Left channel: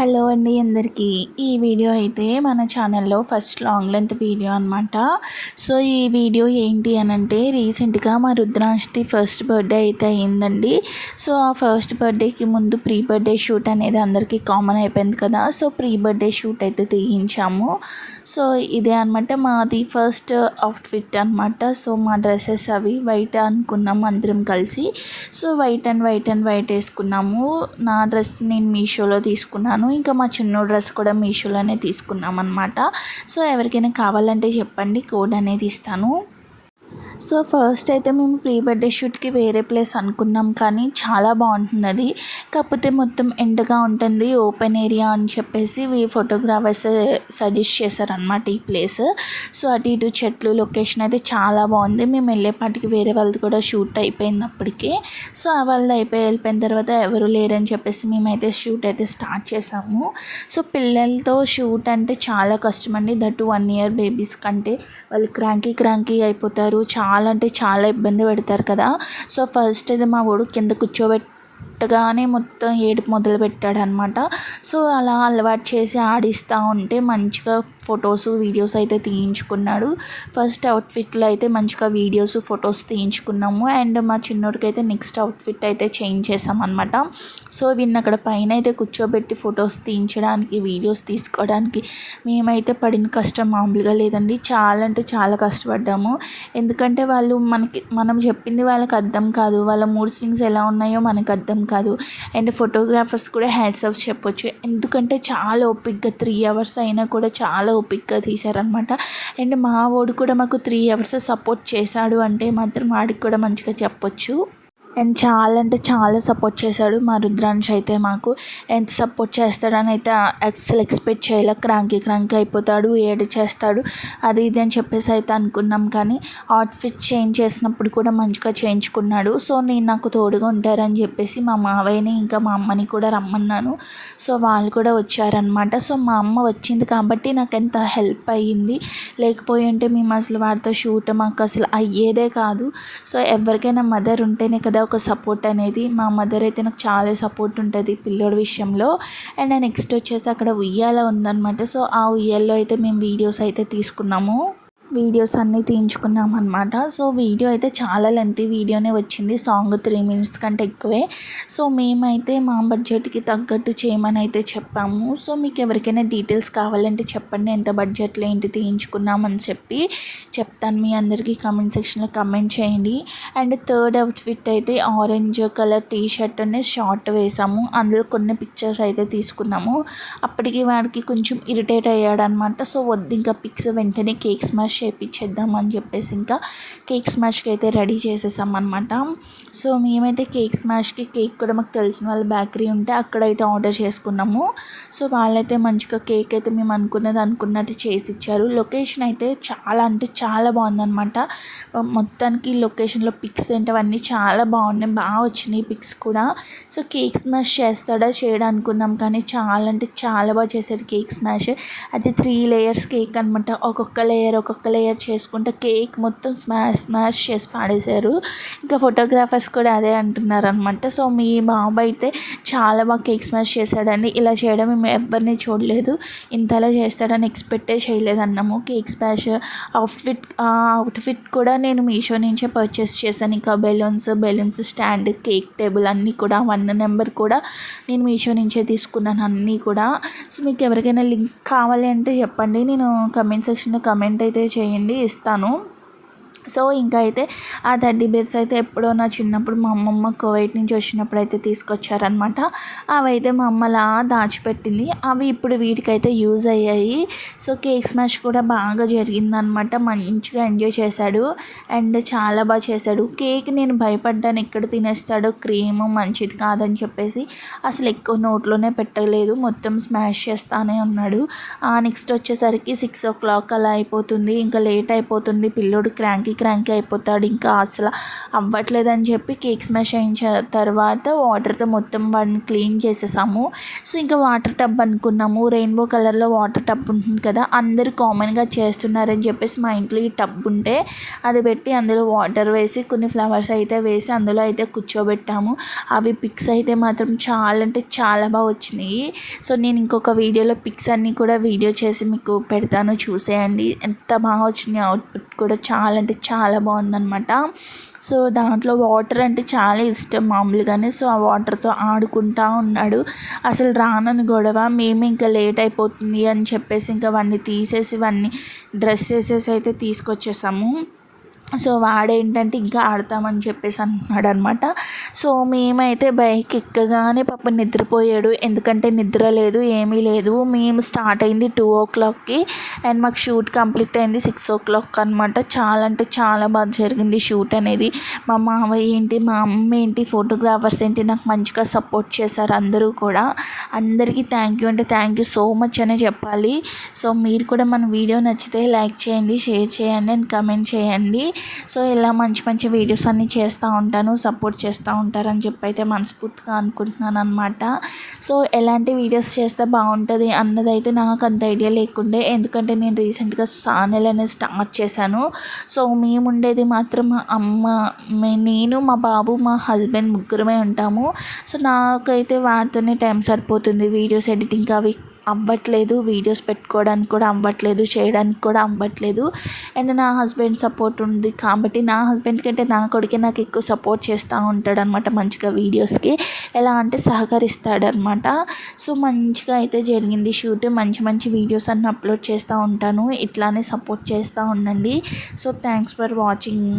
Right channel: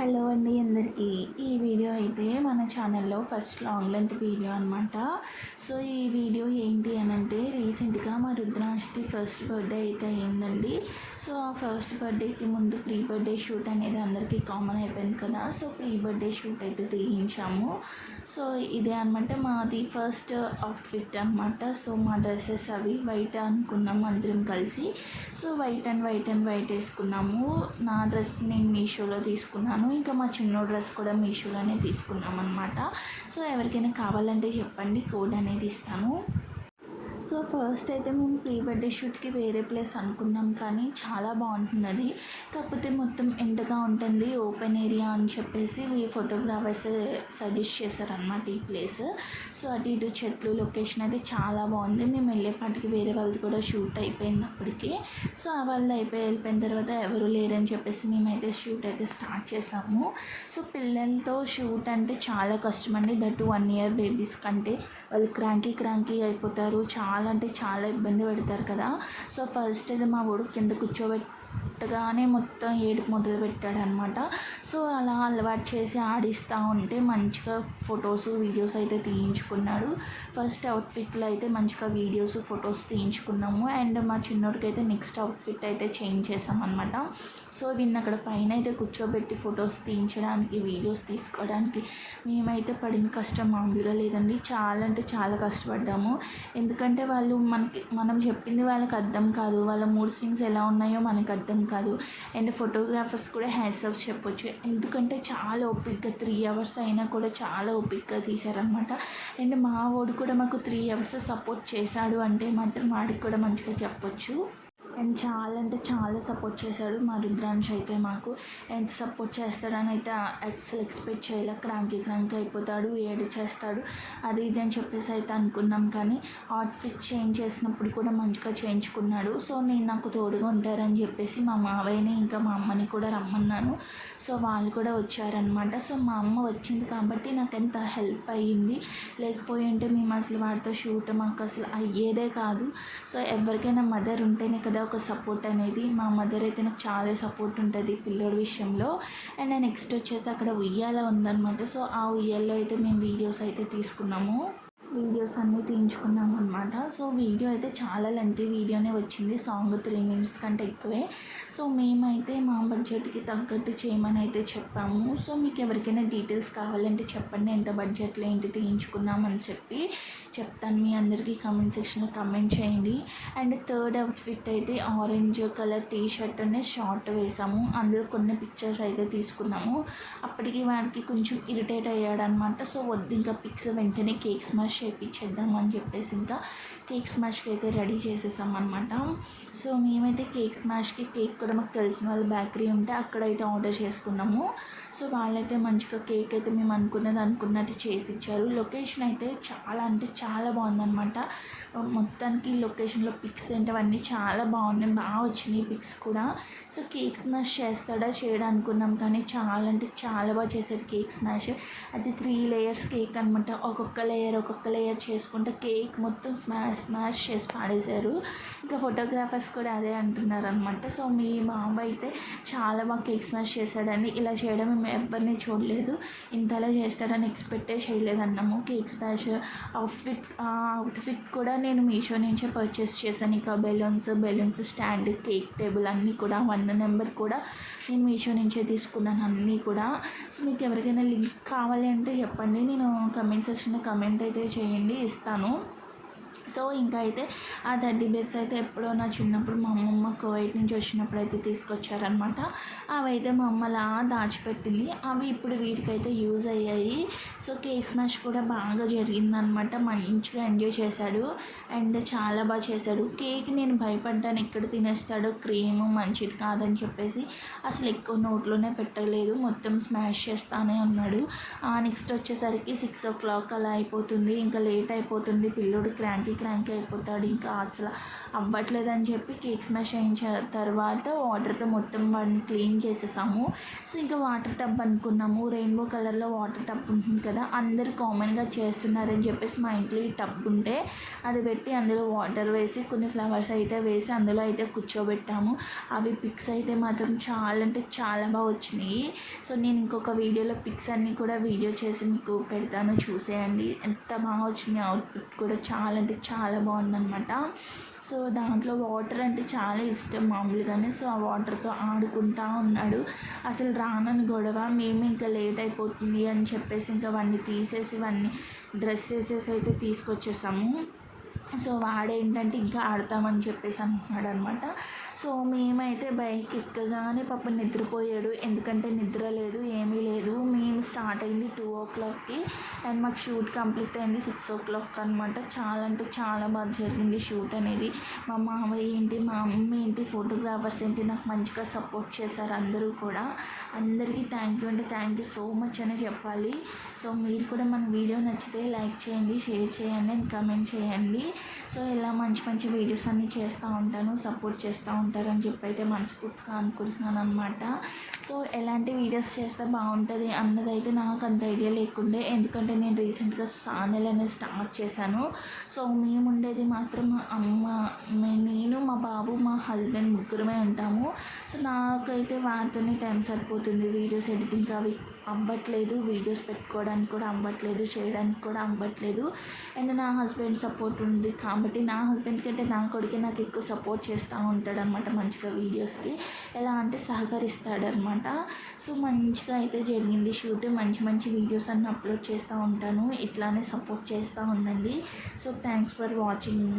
Hello అండి అందరికీ. ఈ వీడియో అయితే మన ఛానల్లో ఫస్ట్ లాంగ్ లెంత్ వీడియో అనమాట. సో ఈ వీడియో ఏంటి అనంటే రీసెంట్గా మా రుద్రాంష్ది ఫస్ట్ బర్త్డే అయితే అయిందండి. సో ఆ ఫస్ట్ బర్త్డేకి ముందు ప్రీ బర్త్డే షూట్ అనేది అందరికీ కామన్ అయిపోయింది కదా. సో ప్రీ బర్త్డే షూట్ అయితే తీయించాము. సో ఇదే అనమాట మాది ఫస్ట్ అవుట్ఫిట్ అనమాట. సో మా డ్రెస్సెస్ అవి వైట్ అనుకున్నాము అందరం కలిసి. సో వైట్ అండ్ వైట్ వేసుకున్నాము. నా డ్రెస్ నేను మీషోలో తీసుకున్నాను. ఇంకా మా చిన్న డ్రెస్ కూడా మీషోలోనే తీసుకున్నాం అనమాట. సో ఎవరికైనా కావాలంటే చెప్పండి, కోడ్ అనేది ఇస్తాను. సో ఫస్ట్ అయితే మేము ప్రీ బర్త్డే షూట్కి వేరే ప్లేస్ అనుకున్నాం, కానీ చాలా బాగుంటుంది అది. కాకపోతే మొత్తం ఎండగా ఉంటుంది, ఓపెన్ ఏరియా అని చెప్పేసి ఫోటోగ్రాఫర్స్ సజెస్ట్ చేశారనమాట ఈ ప్లేస్. సో అటు ఇటు చెట్లు, లొకేషన్ అయితే చాలా బాగుంది. మేము వెళ్ళేపాటికి వేరే వాళ్ళది కూడా షూట్ అయిపోయింది అప్పటికే. సో వాళ్ళది వెళ్ళిపోయిన తర్వాత ఎవరు లేరని చెప్పేసి మేమైతే షూట్ అయితే స్టార్ట్ చేసాము. సో పిల్లలతో షూట్ అంటే చాలా కష్టం అండి. దట్ 1 year బేబీస్ కంటే వాళ్ళు క్రాంకీ అయిపోతారు. చాలా అంటే చాలా ఇబ్బంది పెడతారు కదా. సో ఫస్ట్ అయితే మా వాడు కింద కూర్చోబెట్టగానే మొత్తం ఏడుపు మొదలు పెట్టాడనమాట. సో అలా అలవాటు చేసి ఆడిస్తూ ఉంటే మంచిగా ఫొటోస్, వీడియోస్ అయితే తీయించుకున్నాడు. ఫస్ట్ అవుట్ఫిట్లో అయితే మంచిగా వీడియోస్, ఫొటోస్ తీయించుకున్నాము. అండ్ మా చిన్నోడికి అయితే నెక్స్ట్ అవుట్ఫిట్ అయితే చేంజ్ చేసామన్నమాట. సో వీడిని అక్కడ పైన అయితే కూర్చోబెట్టి ఫొటోస్ తీయించడానికి, వీడియోస్ తీసుకోవడానికి మేమైతే పడిన కష్టం మామూలుగా లేదండి. చాలా అంటే చాలా కష్టపడ్డాము. ఎందుకంటే మనం చెప్పింది వాళ్ళకి అర్థం కాదు, వాళ్ళ మూడ్ స్వింగ్స్ ఎలా ఉన్నాయో మనకు అర్థం కాదు. అండ్ ఫోటోగ్రాఫర్స్ కూడా హ్యాట్స్ ఆఫ్ చెప్పొచ్చు. ఎందుకంటే చాలా ఓపిక్గా 3 hours అయినా కూడా చాలా ఓపిక్గా తీశారనమాట. అండ్ మా వాడు కూడా మాకు 3 hours సపోర్ట్ చేశాడు అంటే మాత్రం వాడికి కూడా మంచిగా చెప్పొచ్చు. అండ్ చాలా అంటే చాలా సపోర్ట్ చేశాడు మా రుద్రాంశ్ అయితే. మాకు ఎంత సపోర్ట్ చేస్తాడని అయితే అసలు ఎక్స్పెక్ట్ చేయలే. క్రాంకీ అయిపోతాడు, ఏడు చేస్తాడు, అది ఇది అని చెప్పేసి అయితే అనుకున్నాం. కానీ అవుట్ఫిట్ చేంజ్ చేసినప్పుడు కూడా మంచిగా చేయించుకున్నాడు. సో నాకు తోడుగా ఉంటారని చెప్పేసి మా మావయ్యని ఇంకా మా అమ్మని కూడా రమ్మన్నాను. సో వాళ్ళు కూడా వచ్చారనమాట. సో మా అమ్మ వచ్చింది కాబట్టి నాకు ఎంత హెల్ప్ అయ్యింది. లేకపోయి ఉంటే మేము అసలు వాడితో షూట్ మాకు అసలు అయ్యేదే కాదు. సో ఎవరికైనా మదర్ ఉంటేనే కదా ఒక సపోర్ట్ అనేది. మా మదర్ అయితే నాకు చాలా సపోర్ట్ ఉంటుంది పిల్లోడి విషయంలో. అండ్ నెక్స్ట్ వచ్చేసి అక్కడ ఉయ్యాల ఉందన్నమాట. సో ఆ ఉయ్యాల్లో అయితే మేము వీడియోస్ అయితే తీసుకున్నాము, వీడియోస్ అన్నీ తీయించుకున్నాం అనమాట. సో వీడియో అయితే చాలా లెంతీ వీడియోనే వచ్చింది. సాంగ్ 3 minutes కంటే ఎక్కువే. సో మేమైతే మా బడ్జెట్కి తగ్గట్టు చేయమని అయితే చెప్పాము. సో మీకు ఎవరికైనా డీటెయిల్స్ కావాలంటే చెప్పండి, ఎంత బడ్జెట్లో ఏంటి తీయించుకున్నామని చెప్పి చెప్తాను. మీ అందరికీ కామెంట్ సెక్షన్లో కమెంట్ చేయండి. అండ్ థర్డ్ అవుట్ఫిట్ అయితే ఆరెంజ్ కలర్ టీ షర్ట్ అనే షార్ట్ వేసాము. అందులో కొన్ని పిక్చర్స్ అయితే తీసుకున్నాము. అప్పటికి వాడికి కొంచెం ఇరిటేట్ అయ్యాడనమాట. సో వద్దు ఇంకా పిక్స్, వెంటనే కేక్ స్మాష్ చేయించేద్దామని చెప్పేసి ఇంకా కేక్ స్మాష్కి అయితే రెడీ చేసేసామన్నమాట. సో మేమైతే కేక్ స్మాష్కి కేక్ కూడా మాకు తెలిసిన వాళ్ళ బేకరీ ఉంటే అక్కడైతే ఆర్డర్ చేసుకున్నాము. సో వాళ్ళైతే మంచిగా కేక్ అయితే మేము అనుకున్నట్టు చేసి ఇచ్చారు. లొకేషన్ అయితే చాలా అంటే చాలా బాగుందన్నమాట. మొత్తానికి లొకేషన్లో పిక్స్ అంటే అవన్నీ చాలా బాగున్నాయి, బాగా వచ్చినాయి పిక్స్ కూడా. సో కేక్ స్మాష్ చేయడం అనుకున్నాం, కానీ చాలా అంటే చాలా బాగా చేశాడు కేక్ స్మాష్. అది 3 layers కేక్ అనమాట. ఒక్కొక్క లేయర్ చేసుకుంటే కేక్ మొత్తం స్మాష్ చేసి పాడేశారు. ఇంకా ఫోటోగ్రాఫర్స్ కూడా అదే అంటున్నారు అనమాట. సో మీ బాబు అయితే చాలా బాగా కేక్ స్మాష్ చేశాడని, ఇలా చేయడం మేము ఎవరిని చూడలేదు, ఇంతలా చేస్తాడని ఎక్స్పెక్టే చేయలేదన్నాము. కేక్ స్మాష్ అవుట్ఫిట్ కూడా నేను మీషో నుంచే పర్చేస్ చేశాను. ఇంకా బెలూన్స్ స్టాండ్, కేక్ టేబుల్ అన్నీ కూడా 1 number కూడా నేను మీషో నుంచే తీసుకున్నాను అన్నీ కూడా. సో మీకు ఎవరికైనా లింక్ కావాలి అంటే చెప్పండి, నేను కమెంట్ సెక్షన్లో కమెంట్ అయితే చేయండి, ఇస్తాను. సో ఇంకా అయితే ఆ టెడ్డీ బేర్స్ అయితే ఎప్పుడో నా చిన్నప్పుడు మా అమ్మమ్మ కువైట్ నుంచి వచ్చినప్పుడు అయితే తీసుకొచ్చారనమాట. అవి అయితే మా అమ్మలా దాచిపెట్టింది. అవి ఇప్పుడు వీటికైతే యూజ్ అయ్యాయి. సో కేక్ స్మాష్ కూడా బాగా జరిగిందనమాట. మంచిగా ఎంజాయ్ చేశాడు అండ్ చాలా బాగా చేశాడు. కేక్ నేను భయపడ్డాను, ఎక్కడ తినేస్తాడో, క్రీమ్ మంచిది కాదని చెప్పేసి అసలు ఎక్కువ నోట్లోనే పెట్టలేదు, మొత్తం స్మాష్ చేస్తానే ఉన్నాడు. నెక్స్ట్ వచ్చేసరికి 6 o'clock అలా అయిపోతుంది, ఇంకా లేట్ అయిపోతుంది. పిల్లోడు క్రాంకీ క్రాంకీ అయిపోతాడు, ఇంకా అసలు అవ్వట్లేదని చెప్పి కేక్ స్మాష్ అయిన తర్వాత వాటర్తో మొత్తం వాడిని క్లీన్ చేసేసాము. సో ఇంకా వాటర్ టబ్ అనుకున్నాము, రెయిన్బో కలర్లో వాటర్ టబ్ ఉంటుంది కదా, అందరూ కామన్గా చేస్తున్నారని చెప్పేసి మా ఇంట్లో ఈ టబ్ ఉంటే అది పెట్టి అందులో వాటర్ వేసి కొన్ని ఫ్లవర్స్ అయితే వేసి అందులో అయితే కూర్చోబెట్టాము. అవి పిక్స్ అయితే మాత్రం చాలా అంటే చాలా బాగా వచ్చినాయి. సో నేను ఇంకొక వీడియోలో పిక్స్ అన్నీ కూడా వీడియో చేసి మీకు పెడతాను, చూసేయండి. ఎంత బాగా వచ్చినాయి, అవుట్పుట్ కూడా చాలా అంటే చాలా బాగుందన్నమాట. సో దాంట్లో వాటర్ అంటే చాలా ఇష్టం మామూలుగానే. సో ఆ వాటర్తో ఆడుకుంటూ ఉన్నాడు. అసలు రానని గొడవ, మేము ఇంకా లేట్ అయిపోతుంది అని చెప్పేసి ఇంకా వాడిని తీసేసి వాడిని డ్రెస్ వేసేసి అయితే తీసుకొచ్చేసాము. సో వాడేంటంటే ఇంకా ఆడతామని చెప్పేసి అంటున్నాడు అనమాట. సో మేమైతే బైక్ ఎక్కగానే పాప నిద్రపోయాడు, ఎందుకంటే నిద్ర లేదు ఏమీ లేదు. మేము స్టార్ట్ అయింది 2 o'clockకి అండ్ మాకు షూట్ కంప్లీట్ అయింది 6 o'clock అనమాట. చాలా అంటే చాలా బాగా జరిగింది షూట్ అనేది. మా మావయ్య ఏంటి, మా అమ్మ ఏంటి, ఫోటోగ్రాఫర్స్ ఏంటి నాకు మంచిగా సపోర్ట్ చేశారు అందరూ కూడా. అందరికీ థ్యాంక్ యూ అంటే థ్యాంక్ యూ సో మచ్ అనే చెప్పాలి. సో మీరు కూడా మన వీడియో నచ్చితే లైక్ చేయండి, షేర్ చేయండి అండ్ కమెంట్ చేయండి. సో ఇలా మంచి మంచి వీడియోస్ అన్నీ చేస్తూ ఉంటాను, సపోర్ట్ చేస్తూ ఉంటారని చెప్పి అయితే మనస్ఫూర్తిగా అనుకుంటున్నాను అనమాట. సో ఎలాంటి వీడియోస్ చేస్తే బాగుంటుంది అన్నదైతే నాకు అంత ఐడియా లేకుండే, ఎందుకంటే నేను రీసెంట్గా ఛానల్ అనేది స్టార్ట్ చేశాను. సో మేము ఉండేది మాత్రం మా అమ్మ, నేను, మా బాబు, మా హస్బెండ్ ముగ్గురమే ఉంటాము. సో నాకైతే వాటితోనే టైం సరిపోతుంది, వీడియోస్ ఎడిటింగ్ అవి అవ్వట్లేదు, వీడియోస్ పెట్టుకోవడానికి కూడా అవ్వట్లేదు, చేయడానికి కూడా అవ్వట్లేదు. అండ్ నా హస్బెండ్ సపోర్ట్ ఉంది కాబట్టి నా హస్బెండ్ కంటే నా కొడుకే నాకు ఎక్కువ సపోర్ట్ చేస్తూ ఉంటాడు అనమాట మంచిగా వీడియోస్కి. ఎలా అంటే సహకరిస్తాడనమాట. సో మంచిగా అయితే జరిగింది షూట్. మంచి మంచి వీడియోస్ అన్నీ అప్లోడ్ చేస్తూ ఉంటాను, ఇట్లానే సపోర్ట్ చేస్తూ ఉండండి. So thanks for watching.